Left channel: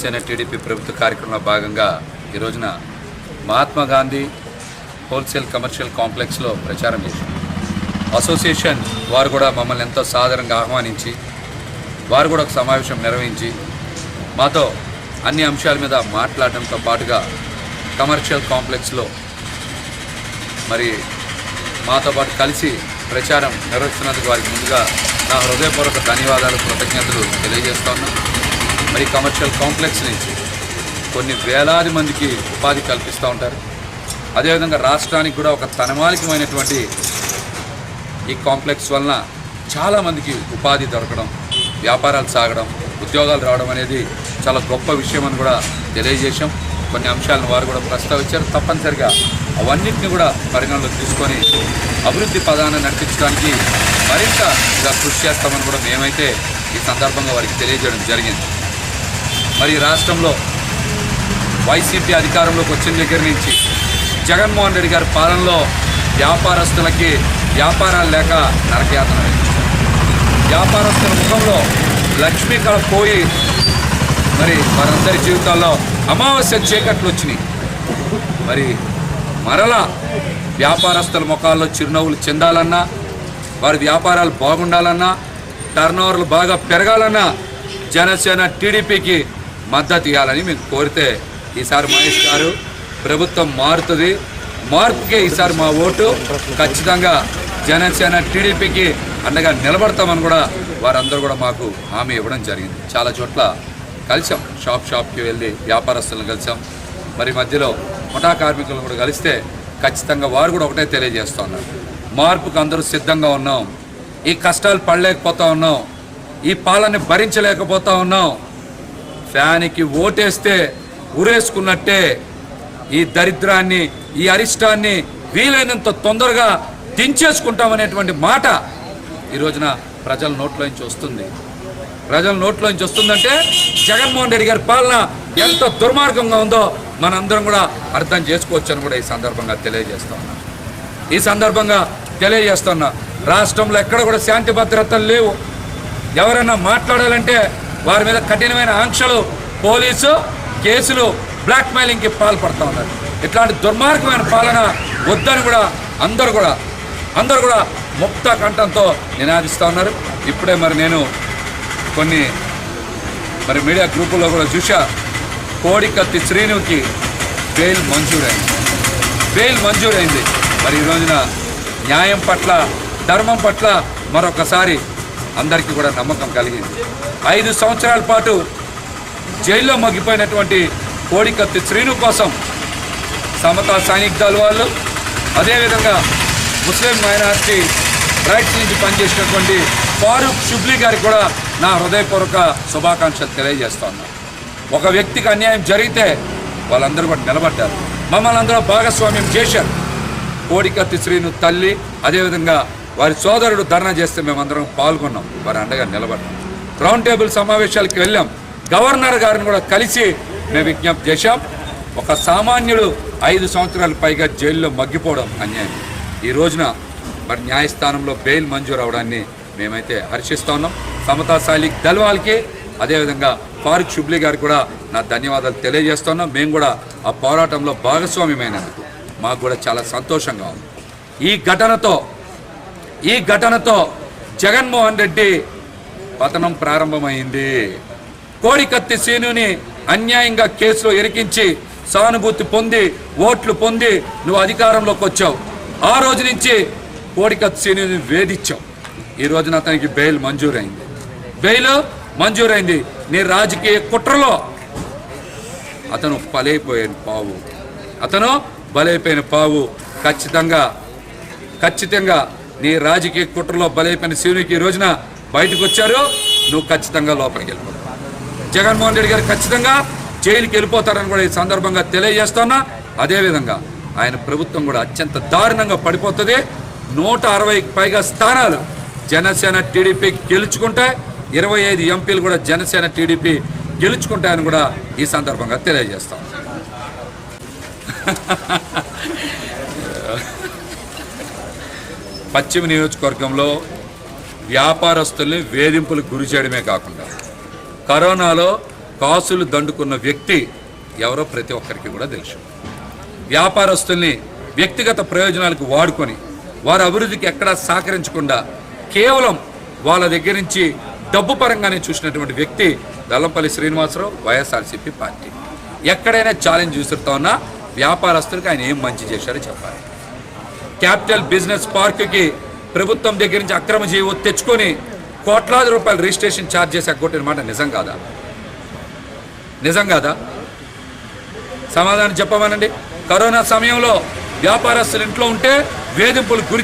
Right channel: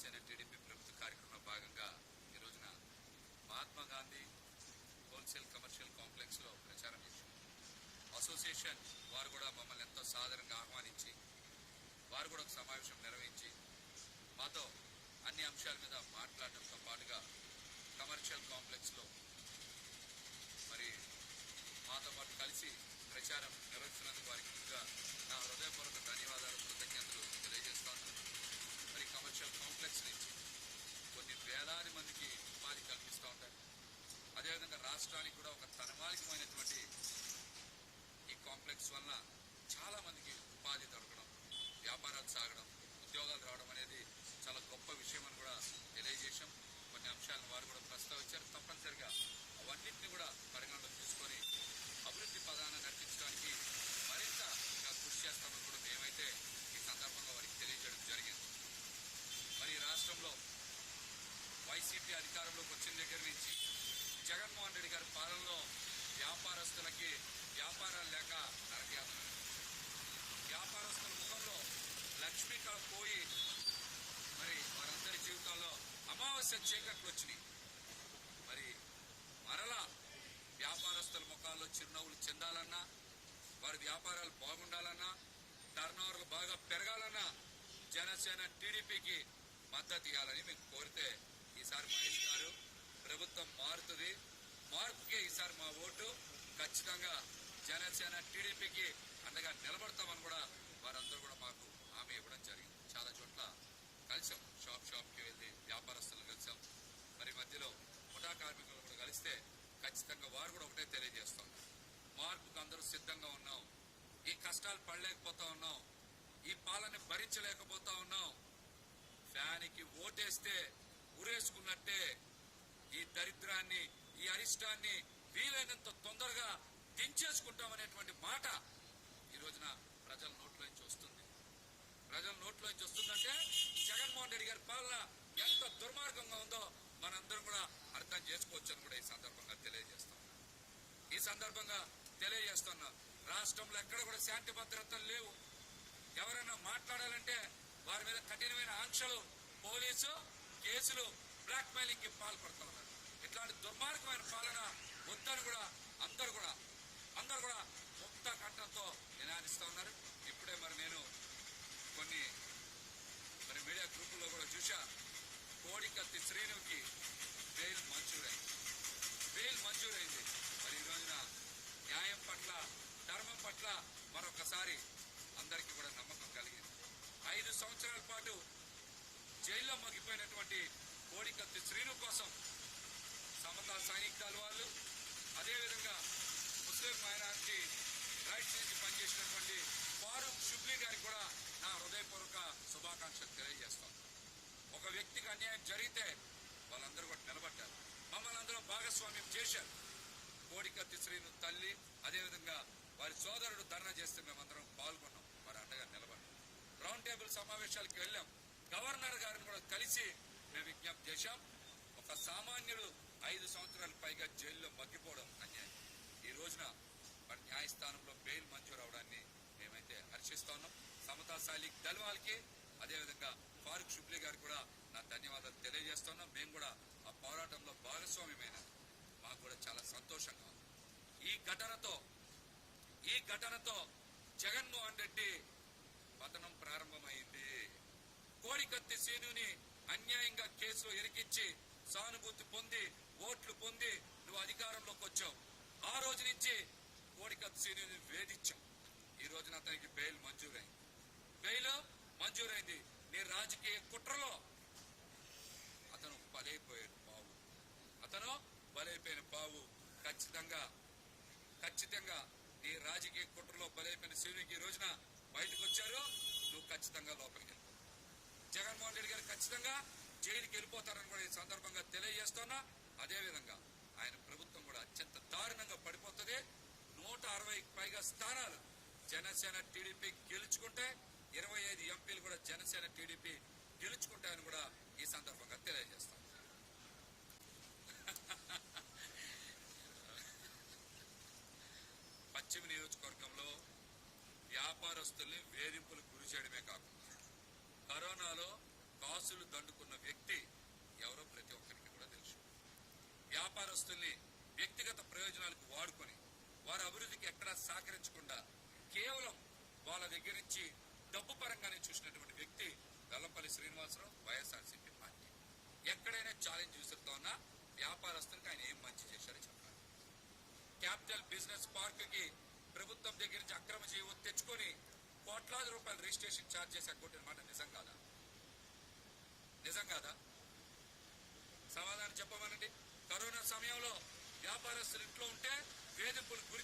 TDP ప్రభుత్వ కార్యక్రమంలో భాగంగా ఈ రోజున మహాత్మా గాంధీ హోల్సేల్ కమర్షియల్ కాంప్లెక్స్లో ప్రచారం చేశాం. అసోసియేషన్ వారు కూడా మమ్మల్ని ఎంతో సాదరంగా ఆహ్వానించి వారు కూడా ఒక సమావేశం నిర్వహించి మాతో అన్ని అంశాల మీద మాట్లాడడంతో పాటుగా కమర్షియల్ కాంప్లెక్స్లో మరి మాతో పాటు కలిసి ప్రచారం నిర్వహిస్తున్నందుకు వారికి ముందుగా నా హృదయపూర్వక ధన్యవాదాలు, కృతజ్ఞతలు తెలియజేస్తున్నాను. మరి కమర్షియల్ కాంప్లెక్స్ నుంచి కొన్ని వేలాది మందికి ఉపాధి కల్పిస్తూ ఉంటారు. అదేవిధంగా రాష్ట్రానికి కూడా ఒక తనమాలికమైనటువంటి ఈ కాంప్లెక్స్ వలన చాలామందికి ఉపాధి దొరకడం, వ్యాపారాలు సాగడం, ఉద్యోగాలు రావడం అనేది చాలా గొప్ప విషయం అని కూడా తెలియజేశాం. కొన్ని అంశాలను వారు కూడా ప్రస్తావించారు. తప్పనిసరిగా అవన్నింటినీ కూడా పరిగణలోకి తీసుకొని అభివృద్ధి పదాన్ని నడిపించడానికి మరింత ఇలా కృషి చేస్తామని కూడా మేమైతే ఈ సందర్భంగా వారికి తెలియజేయడం జరిగింది. మరి రాష్ట్రంలో వైసీపీ అధికారంలోకి వచ్చిన దగ్గర నుంచి జగన్మోహన్ రెడ్డి గారి పాలనలో వ్యాపారస్తులకి వ్యాపారాలు లేక నరకయాతన వేయించారు. వ్యాపారస్తుల ముఖంలో లక్ష్మీ కళ పోయి మరి వారందరి జీవితాల్లో అమావాస్య చీకట్లు వచ్చినాయి. మరి మరలా వ్యాపారస్తుల ముఖాల్లో చిరునవ్వులు చెందాలన్నా, వారి వ్యాపారాలు బాగుండాలన్నా, టర్నోవర్లు బాగా పెరగాలన్నా జనసేన టీడీపీకి మద్దతు ఇవ్వాలని మేము కోరితే ఈసారి మహేష్ గారు ప్రభుత్వం మారుతుంది, మార్పుకే ఈసారి మా ఓటు, ఖచ్చితంగా జనసేన టీడీపీకి అండగా నిలబడతామని కూడా వారందరూ కూడా మాకు హామీ ఇవ్వడం జరిగింది. చాలా చోట్ల కలిసాం, షాప్కి వెళ్ళి వ్యాపారస్తులను కలిసాం. మరి మధ్యలో ముఠా కార్మికులను కూడా కలిస్తే ఖచ్చితంగా వారు కూడా ఒకటే తెలియజేస్తున్నారు, మార్పుకు అందరూ సిద్ధంగా ఉన్నాం, ఈ కష్టాలు పడలేకపోతా ఉన్నాం, ఈ పాలన భరించలేకపోతా ఉన్నాం, ఫ్యాన్కి ఓటేస్తే ఉరేసుకున్నట్టే ఈ దరిద్రాన్ని, ఈ అరిష్టాన్ని వీలైనంత తొందరగా దించేసుకుంటామనేటువంటి మాట ఈ రోజున ప్రజల నోట్లోంచి వస్తుంది. ప్రజల నోట్లోంచి వస్తుందంటే జగన్మోహన్ రెడ్డి గారి పాలన ఎంత దుర్మార్గంగా ఉందో మనందరం కూడా అర్థం చేసుకోవచ్చు అని కూడా ఈ సందర్భంగా తెలియజేస్తున్నా. రాష్ట్రంలో ఎక్కడ కూడా శాంతి భద్రతలు లేవు. ఎవరైనా మాట్లాడాలంటే వారి మీద కఠినమైన ఆంక్షలు, పోలీసు కేసులు, బ్లాక్మెయిలింగ్కి పాల్పడుతూ ఉన్నారు. ఇట్లాంటి దుర్మార్గమైన పాలన వద్దని కూడా అందరూ కూడా ముక్త కంఠంతో నినాదిస్తూ ఉన్నారు. ఇప్పుడే మరి నేను కొన్ని మీడియా గ్రూపుల్లో కూడా చూసా, కోడికత్తి శ్రీనుకి బెయిల్ మంజూరైంది. మరి ఈ రోజున న్యాయం పట్ల, ధర్మం పట్ల మరొకసారి అందరికీ కూడా నమ్మకం కలిగింది. 5 సంవత్సరాల పాటు జైల్లో మగ్గిపోయినటువంటి కోడికత్తి శ్రీను కోసం సమతా సైనిక్ దళ వాళ్ళు, అదేవిధంగా ముస్లిం మైనారిటీ రైట్స్ నుంచి పనిచేసినటువంటి ఫారూక్ షుబ్లీ గారికి కూడా నా హృదయపూర్వక శుభాకాంక్షలు తెలియజేస్తాను. ఒక వ్యక్తికి అన్యాయం జరిగితే వాళ్ళందరూ కూడా నిలబడ్డారు, మమ్మల్ని అందరూ భాగస్వామ్యం చేశారు. కోడికత్తి శ్రీను తల్లి, అదేవిధంగా వారి సోదరుడు ధర్నా చేస్తే మేమందరం పాల్గొన్నాం, వారి అండగా నిలబడ్డాం. రౌండ్ టేబుల్ సమావేశాలకు వెళ్ళాం, గవర్నర్ గారిని కూడా కలిసి మేము విజ్ఞప్తి చేశాం. ఒక సామాన్యుడు 5 సంవత్సరాల పైగా జైల్లో మగ్గిపోవడం అన్యాయం. ఈ రోజున మరి న్యాయస్థానంలో బెయిల్ మంజూరు అవడాన్ని మేమైతే హర్షిస్తూ ఉన్నాం. సమతా సైనిక్ దళ వాళ్ళకి, అదేవిధంగా ఫారూక్ షుబ్లీ గారికి కూడా నా ధన్యవాదాలు తెలియజేస్తున్నాం. మేము కూడా ఆ పోరాటంలో భాగస్వామ్యమైనందుకు మాకు కూడా చాలా సంతోషంగా ఉంది. ఈ ఘటనతో జగన్మోహన్ రెడ్డి పతనం ప్రారంభమైంది. కోడికత్తి శ్రీనుని అన్యాయంగా కేసులో ఇరికించి సానుభూతి పొంది, ఓట్లు పొంది నువ్వు అధికారంలోకి వచ్చావు. ఆ రోజు నుంచి కోడికత్తి శ్రీనుని వేధించావు. ఈ రోజున అతనికి బెయిల్ మంజూరైంది. నీ రాజకీయ కుట్రలో అతను బలైపోయిన పావు. ఖచ్చితంగా నీ రాజకీయ కుట్రలో బలైపోయిన శివునికి ఈ రోజున బయటకు వచ్చారు. నువ్వు ఖచ్చితంగా లోపలికి వెళ్ళిపోతావు. జగన్మోహన్ రెడ్డి గారు ఖచ్చితంగా జైలుకి వెళ్ళిపోతారని కూడా ఈ సందర్భంగా తెలియజేస్తున్నా. అదేవిధంగా ఆయన ప్రభుత్వం కూడా అత్యంత దారుణంగా పడిపోతుంది. 160కి పైగా స్థానాలు జనసేన టీడీపీ గెలుచుకుంటే, 25 ఎంపీలు కూడా జనసేన టీడీపీ గెలుచుకుంటాయని కూడా ఈ సందర్భంగా తెలియజేస్తాం. పశ్చిమ నియోజకవర్గంలో వ్యాపారస్తుల్ని వేధింపులకు గురి చేయడమే కాకుండా కరోనాలో కాసులు దండుకున్న వ్యక్తి ఎవరో ప్రతి ఒక్కరికి కూడా తెలుసు. వ్యాపారస్తుల్ని వ్యక్తిగత ప్రయోజనాలకు వాడుకొని వారి అభివృద్ధికి ఎక్కడా సహకరించకుండా కేవలం వాళ్ళ దగ్గర నుంచి డబ్బు పరంగానే చూసినటువంటి వ్యక్తి వెల్లంపల్లి శ్రీనివాసరావు, వైఎస్ఆర్సీపీ పార్టీ. ఎక్కడైనా ఛాలెంజ్ విసురుతా ఉన్నా వ్యాపారస్తులకు ఆయన ఏం మంచి చేశారో చెప్పాలి. క్యాపిటల్ బిజినెస్ పార్క్కి ప్రభుత్వం దగ్గర నుంచి అక్రమ జీవో తెచ్చుకొని కోట్లాది రూపాయలు రిజిస్ట్రేషన్ ఛార్జ్ చేసి ఎగ్గొట్టిన మాట నిజం కాదా? నిజం కాదా? సమాధానం చెప్పమనండి. కరోనా సమయంలో వ్యాపారస్తులు ఇంట్లో ఉంటే వేధింపులు గురి